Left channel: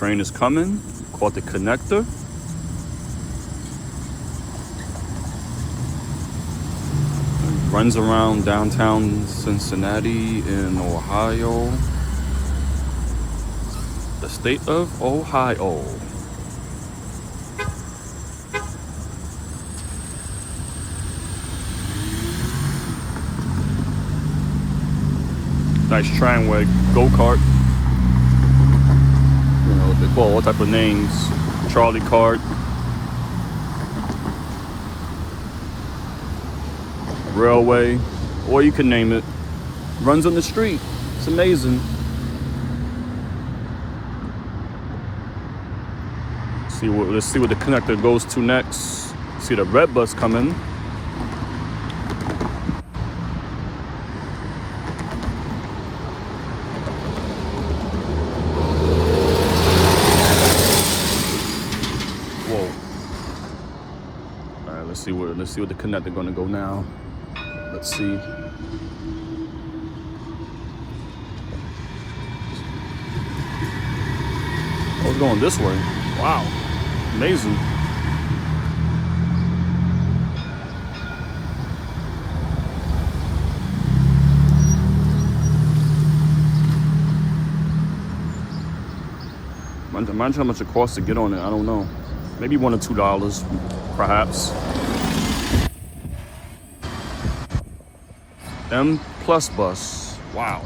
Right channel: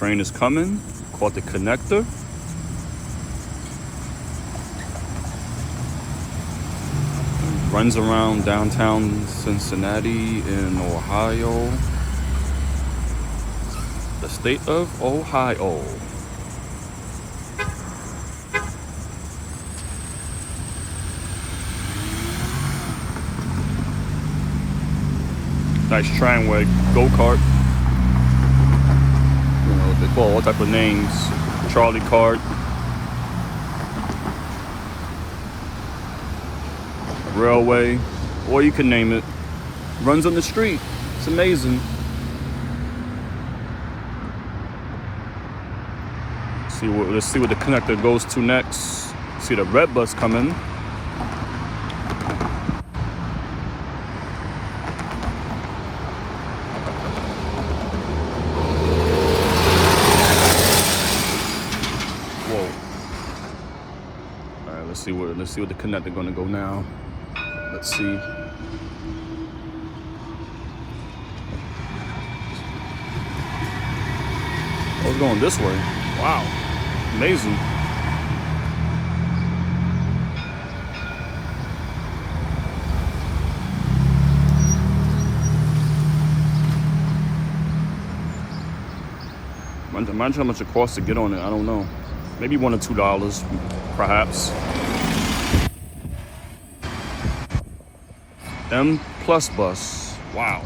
Train is coming, called the connector. It runs around downtown Cincinnati in Ohio, the state of Ohio. Nice tramway, go-kart. They call all type of names. Charlie Cart. Railway, or you can name it. Runs on the street. It's amazing. Let's see what the connector goes to next. See the red bus coming. Let's see what the connector gonna go now. Let's see. We're going this way. Wow, amazing. Imagine how much it costs to get on it. I don't know. Maybe $1 or $2, perhaps. M Plus bus. Wow.